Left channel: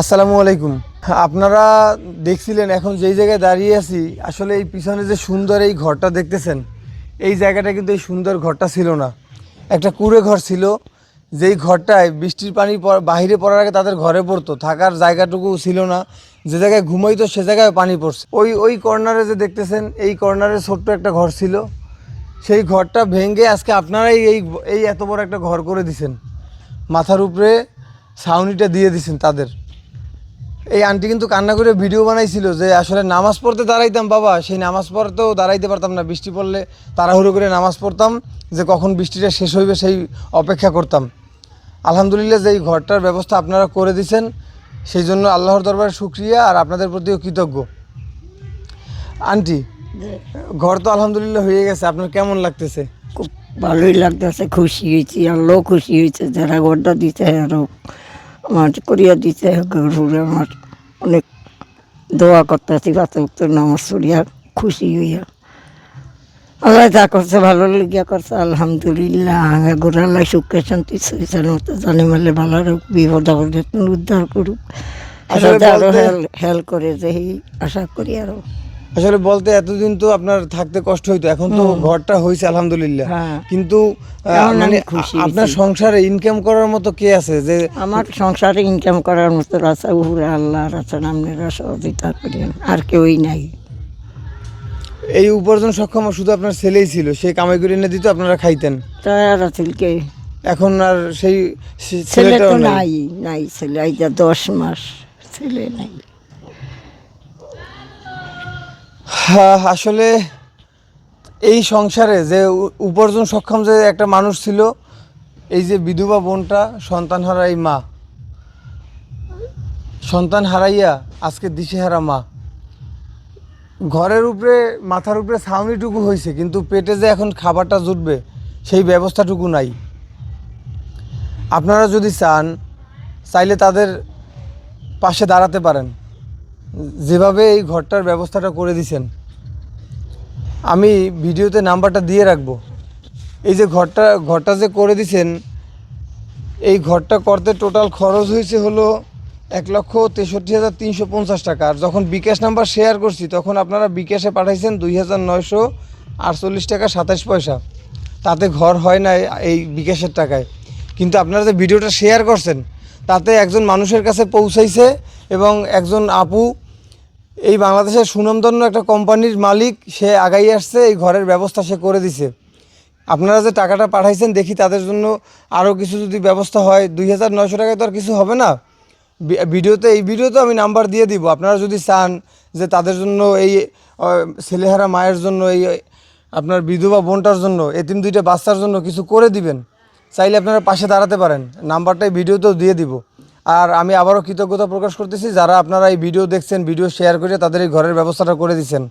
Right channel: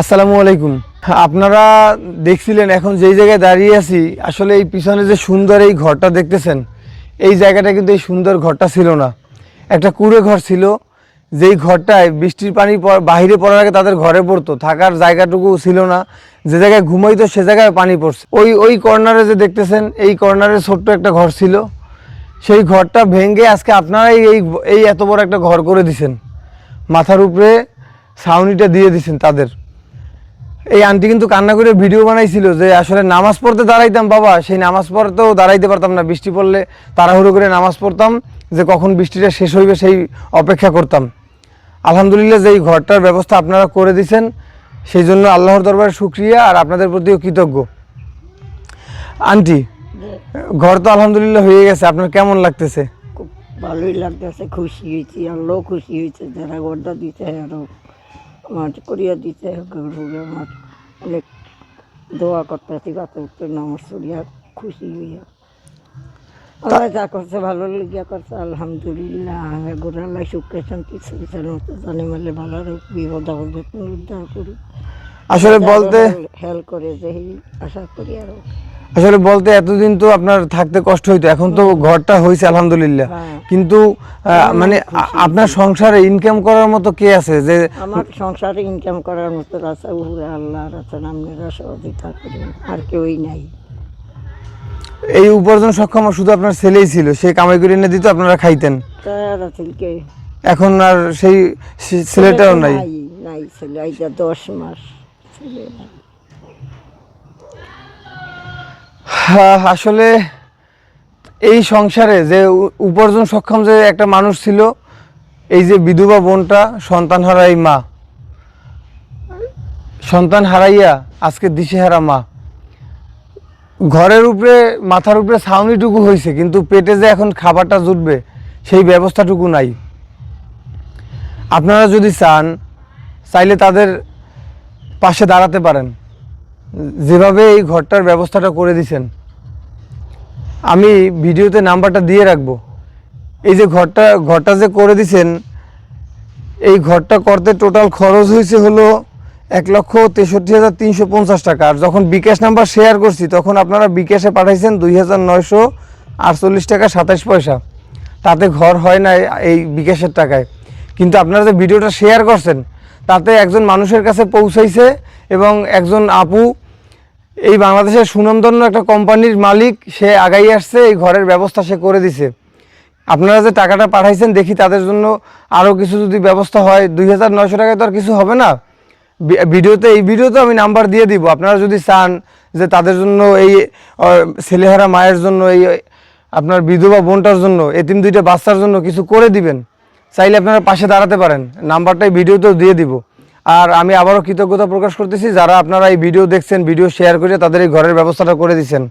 আসসালামু আলাইকুম। আপনারা দেখছিলেন এখন যেই জায়গায় দাঁড়িয়ে আছি, আসলে এই পিছনে যে সুন্দর এই ঘরটা দেখতেছেন, এই জায়গাটা কিন্তু এই সুন্দর ঘরটা ছিল না। একটা কুঁড়ে ঘর ছিল, যেই ঘরটায় বৃষ্টির পানি বাহিরে পড়ার আগে তাদের ঘরে পড়তো, থাকার জায়গাটুকু ছিল না। যে জায়গায় ঘুমাইতো সে জায়গায় পানি পড়ছে। ওই কর্নারে যে দেখতেছেন, এই কর্নারে ছোট্ট একটা ঘর ছিল, সেই ঘরটা ভেঙে আজকে আপনারাই এই এত বড় একটা ঘর করে দিছেন। মাথার উপরে ছাউনিটা দিয়ে দিছেন তাদের। এই আন্টি কিন্তু কান্না করে ভিডিও বানাইছিল যে আসলে নামাজ পড়তে দাঁড়াইতাম বাবা, সেই নামাজ পড়তেও দাঁড়াইতে পারতাম না, বৃষ্টি পড়লে তাড়াহুড়ো করে নামাজ পড়তাম, যে কখন বৃষ্টিটা শেষ হইবে সেই অপেক্ষা করতাম। আলহামদুলিল্লাহ যে এই ঘরটার ব্যবস্থা আপনারা করে দিয়েছেন, সেই জন্য আল্লাহর দরবারে শুকরিয়া, আর আপনাদের প্রতিও কৃতজ্ঞ। আন্টি, ঘর তো আলহামদুলিল্লাহ হয়ে গেছে, আপনার কেমন লাগতেছে? খুব ভালোই লাগতেছে, খুশি হয়েছি, আল্লাহ খুশি হয়েছে, যারা গড়টা দিতে আরো আমার করিয়া দিতে গরুরে আমার অনেক দোয়া করতেছি, বাচ্চা নামাজ পড়িয়া খুশি হইয়া আল্লাহ যা করছে ভালো লেগিয়া করছে আলহামদুলিল্লাহ। গোড়াল্লাহ সুখে শান্তি সুইচার মতো জানে মারলে ভালো হোক, বিপদ আপদে উদ্ধার করুক, আসলে বলতে হেল্প করে যে আশা করি আরো। আসলে বলতে এতদিন তো আপনার থাকতে কষ্ট হইতো, এখন তো ঘরটা হয়েছে আলহামদুলিল্লাহ। হ্যাঁ। কিন্তু মানে আপনার সংসারে ইনকাম করার মতো কে আছে যে? আমার সংসারে ইনকাম করার মতো আছে উপরে আল্লাহর আছে, আপনারা সহযোগিতা করেন, আর কেউই নাই। এই উপার্জন সক্ষম শুধু আপনার ছেলেই ছিল, সে কামাই করে এনে দিত, আপনারা খাইতেন। তাই আর ছেলেকে এখন আর সেই ছেলেটাও নাই। নাই ছেলে, আইটা 10 মাস ছেলে নাই। আসলে এই সংসারে যে উপার্জন সক্ষম যে একটা মানুষ ছিল, এই যে বিধবা বোনটা সন্তান হারাই মা, সন্তান হারাইয়া আজকে দিশেহারা মা। ঘরের উপরে মাথার উপরে ছাউনিটুকু হয়েছে, কিন্তু পেটে যে এখন খাবারটা জুটবে সেই ব্যবস্থাটুকু নাই। আপনারা যদি চাইলে তাদের পাশে দাঁড়াতে পারেন, যেভাবে এই ঘরটার ব্যবস্থাটা করে দিছেন। আমি ভিডিওতে নাম্বারটা দিয়ে রাখবো। এই যে ঘরটা যে করে দিছেন, এই ঘরটা করতে টোটাল খরচ হয়েছে হলো 1,63,350 টাকা। আর যখন বিকাশ নাম্বার শেয়ার করছি, তখন আপনারা বিকাশে পাঠাইছেন 2,948 টাকা 27 পয়সা। তাতে ঘর হয় না এই বিকাশের টাকায়, কিন্তু আপনারা যে ভিডিওটা শেয়ার করছেন, তাতে একজন মানুষের কাছে পৌঁছাইছে, এবং একজন আপু এই বাংলাদেশের সুনামধন্য একটা কোম্পানির মালিক, সে আগাই আসছে, এই ঘরের ব্যবস্থা সে করে দিছে। আপনারা যে টাকাটা পাঠাইছেন, দেখি তাদের জন্য আরও কিছু যদি ব্যবস্থা হয়। 2,900 টাকায় তো আর কিছু হবে না। এই ভিডিওতে আমি নাম্বার দিয়ে দিব। আপনারা যদি চান যে তাদের জন্য, এই ছেলেহারা মায়ের জন্য, এই আপনার বিধবা বোনটার জন্য, এতিম 2টা বাচ্চার জন্য কিছু করে দিবেন, চাইলে আপনারা পাশে দাঁড়াতে পারেন। নাম্বারটা এই ভিডিওতেও দিয়ে দিব। আর আমি আবারও কৃতজ্ঞতা প্রকাশ করতেছি যারা আপনারা এই ভিডিও দেখছেন, ভিডিও শেয়ার করে তাদের এই ঘরের ব্যবস্থাটা করে দিচ্ছেন।